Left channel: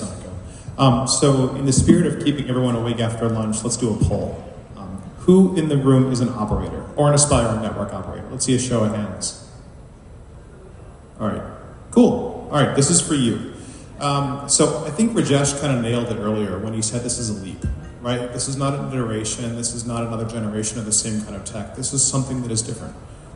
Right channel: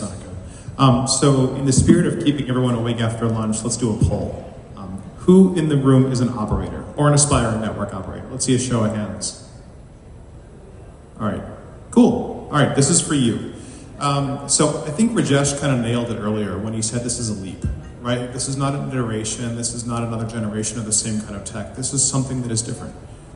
𝐸𝐬𝐬𝐬. So in the spirit of keeping everyone awake after lunch, let's do a poll. Who in the room is an operator or an aspiring network operator? Let's see a show of hands. All right, cool. All right, this is for you. So I think Rajesh kind of nailed it earlier when he said this is a leap, right? This is not an iteration. This is not another generation of the same kind of tech. This is something that is different,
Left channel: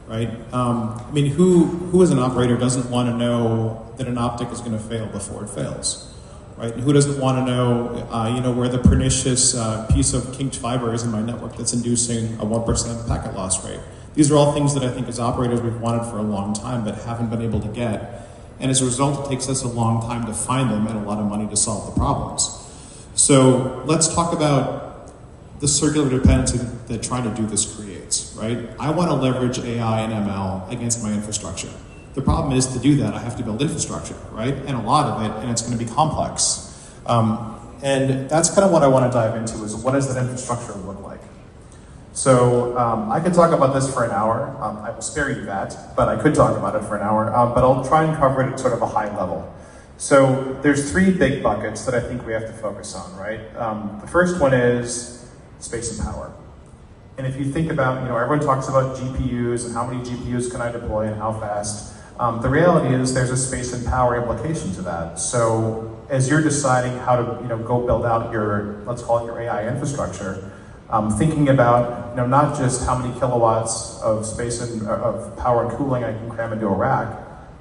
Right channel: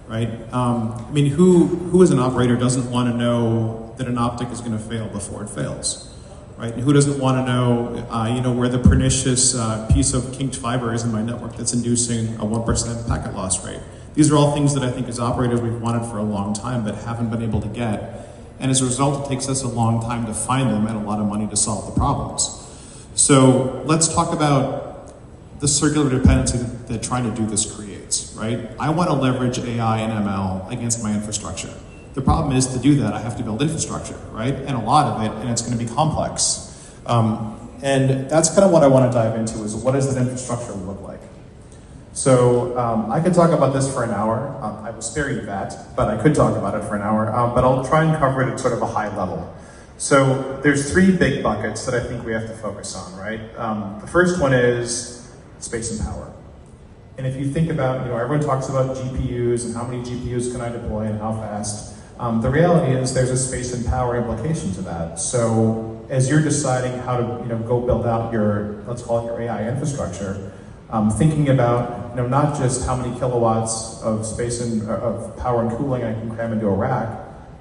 right? I mean, who as an operator doesn't want to know that an optic is going to fail before it fails, right? And who doesn't want to know, where the pernicious piece of kinked fiber is in my network that's inducing a 1% packet loss rate? These are all things that I think as operators we've wanted for a long time but haven't been able to get. And as a result, it takes us a long time to find them and a lot of money to solve the problems. So let's talk about the circular dependency that trying to do this creates, right? I want to leverage AI and ML against my infrastructure. The problem is, to do that, I have to build infrastructure, right? And a lot of it, and it's going to be complex. And that's kind of what I want to dive into, is what does that infrastructure look like? So I could talk about this for an hour. I will spare you that, but I could talk about it for an hour. But I'll try and cover it at sort of a high level. So there's three big buckets that I think we have to focus on, right? The first one is space and power. And if you think about, everyone talks about GPUs and how many GPUs can I deploy and how fast. The reality is there's a space and power implication to that. So as you're deciding how to, go build out your, let's call it your AI infrastructure, thinking about, not just how many kilowatts of space and of power and cooling I can cram into a rack,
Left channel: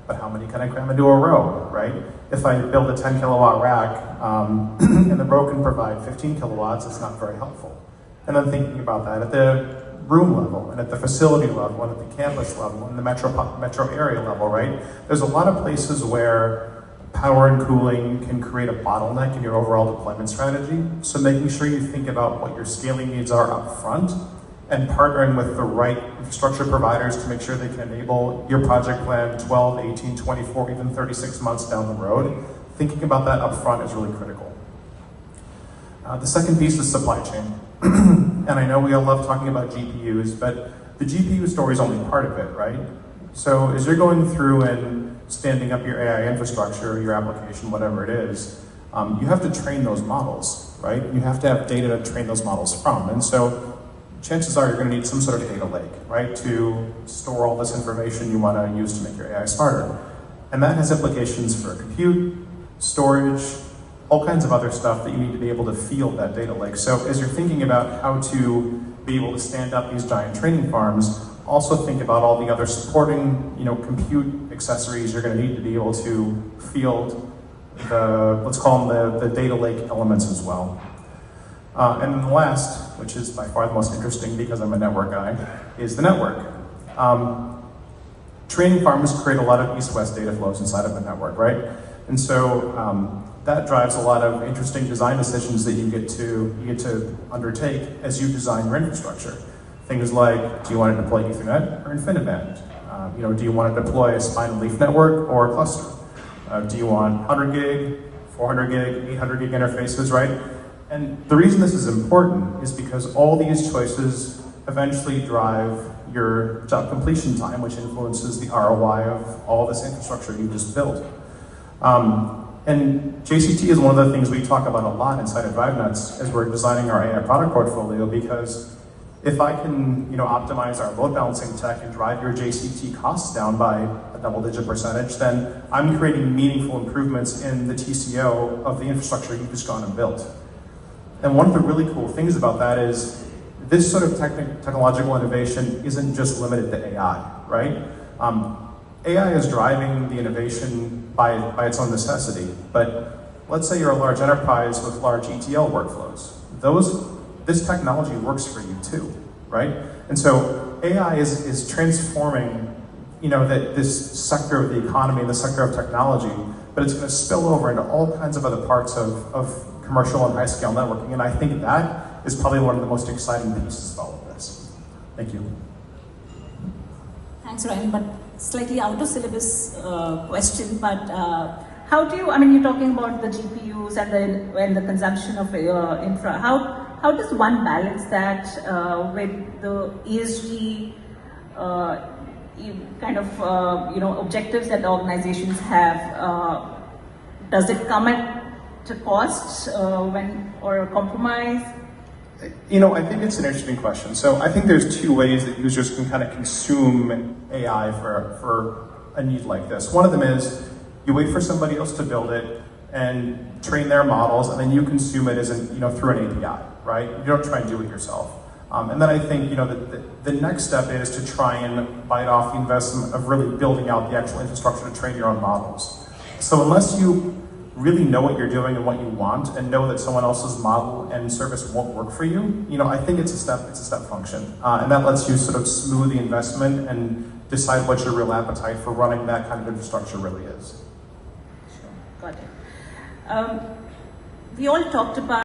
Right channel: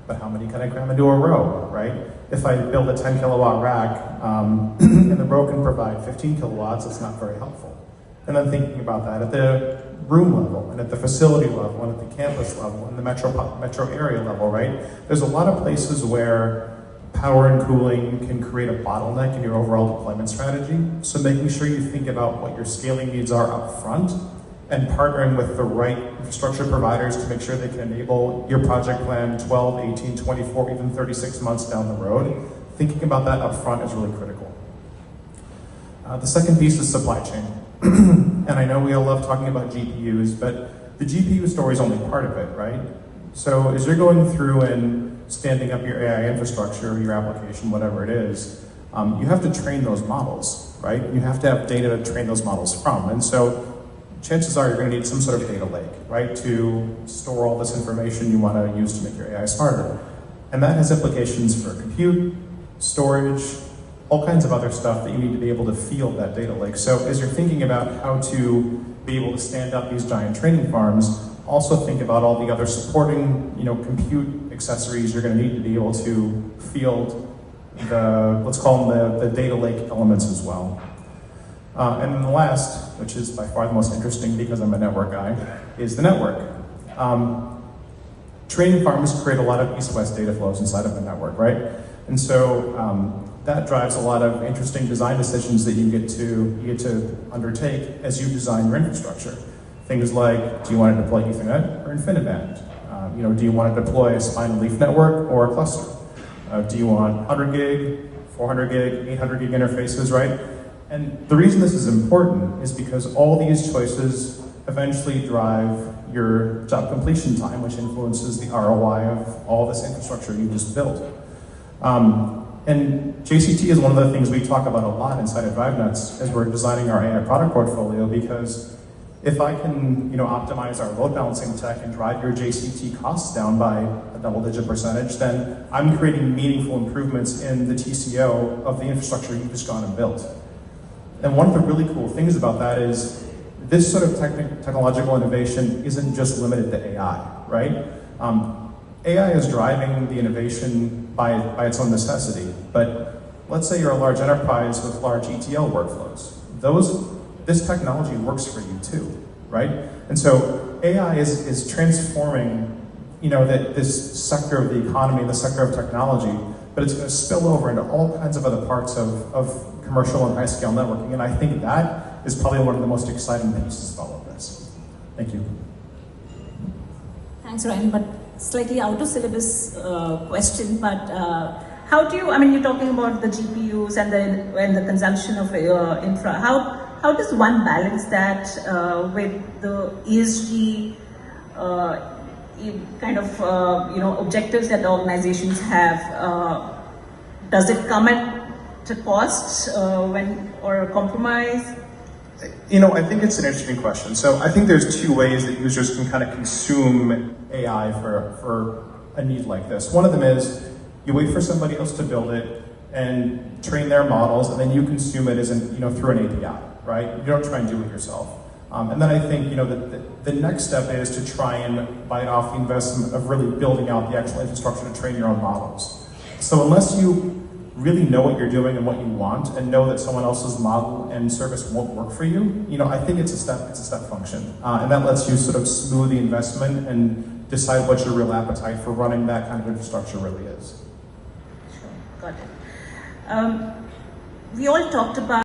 but how many can I cram into a row, right? If I build a 10 kilowatt rack and the row can provide 15 kilowatts, it's not very helpful. And then thinking about that at the room level and at the facility level and at the campus level and the metro area level, right? There's a lot of places where power and cooling can create a bottleneck in your overall deployment strategy. So making sure you think about what your scaling needs are up front and partnering with the right infrastructure providers to make sure they can enable your project plan 12, 18, 24, even 36 months down the road. Thinking about that up front is really critical. The second piece is supply chain. And I know we all love talking about GPUs, but the GPU story is only part of it, right? So as you're going through and standing up your AI infrastructure, your application, whatever it is, you have to train those models, right? You have to have data to train those models from. And so chances are you're going to need some sort of data lake, right, to store all this information you want to use to make your AI smarter. And that has implications for compute, storage, all kinds of other stuff that you need to be able to field that data lake. So as you're thinking about how to be able to stand up these giant training farms, also think about all the other supporting, compute accessories you're going to need to be able to field the, let's call them the data lake elements as well. And then the last, which is by far the most interesting because I'm a network guy, is the network. Training farms create a lot of east-west data flows inside of the network, right? And so that drives a lot of interesting design decisions that you get to undertake as you design your infrastructure. Things like, do you want to deploy Ethernet or InfiniBand? Do you want to deploy a spine leaf network or a cluster? Do you want 100 gig, 400 gig, 800 gig interfaces, right? And the reason this is important is because all these choices eventually drive your job completion time, which influences the ROI of all this infrastructure you just built. And JCT is one of the things we talk about a lot inside of DriveNets as we're designing our AI product portfolio, because if I can, optimize our load balancing tech and drive your JCT costs down by a double-digit %, then I'm creating meaningful improvements in the TCO of the infrastructure you've just gone and built. And one of the really cool things about that is this sort of technological innovation isn't just limited to AI, right? AI is driving the innovation by its own necessity, but let's say you're a large enterprise with large ETL workflows. This technology works for you too, right? And so AI is transforming, this sector of the economy, the sector of technology, but it's going to spill over into all kinds of other parts of commercial and high-scale networking, and I think that is probably one of the most exciting pieces of all of this. Thank you. Thanks, Ryan, but slightly out of syllabus question, but how do you, you're talking about the GPUs and the consumption of infra, how does one balance that with the ESG kind of objectives that organizations have? Does it come at a cost or a compromise? I think it's an interesting question. So I think there's two ways that users can kind of consume AI for a need like this. One of them is you wait for somebody else to build it and train their models, and then you consume it as through an API, right? You don't try and do it yourself. And then I think the next step is to try and bite off the investment of really building out the actual infrastructure to train your own models. So unless you really know what you're doing and what you want, and know that someone else's model and service won't work for you, I think it's a step function, and that lets you sort of smooth the investment and decide what your real appetite for running that kind of infrastructure really is. Got it. We all talked about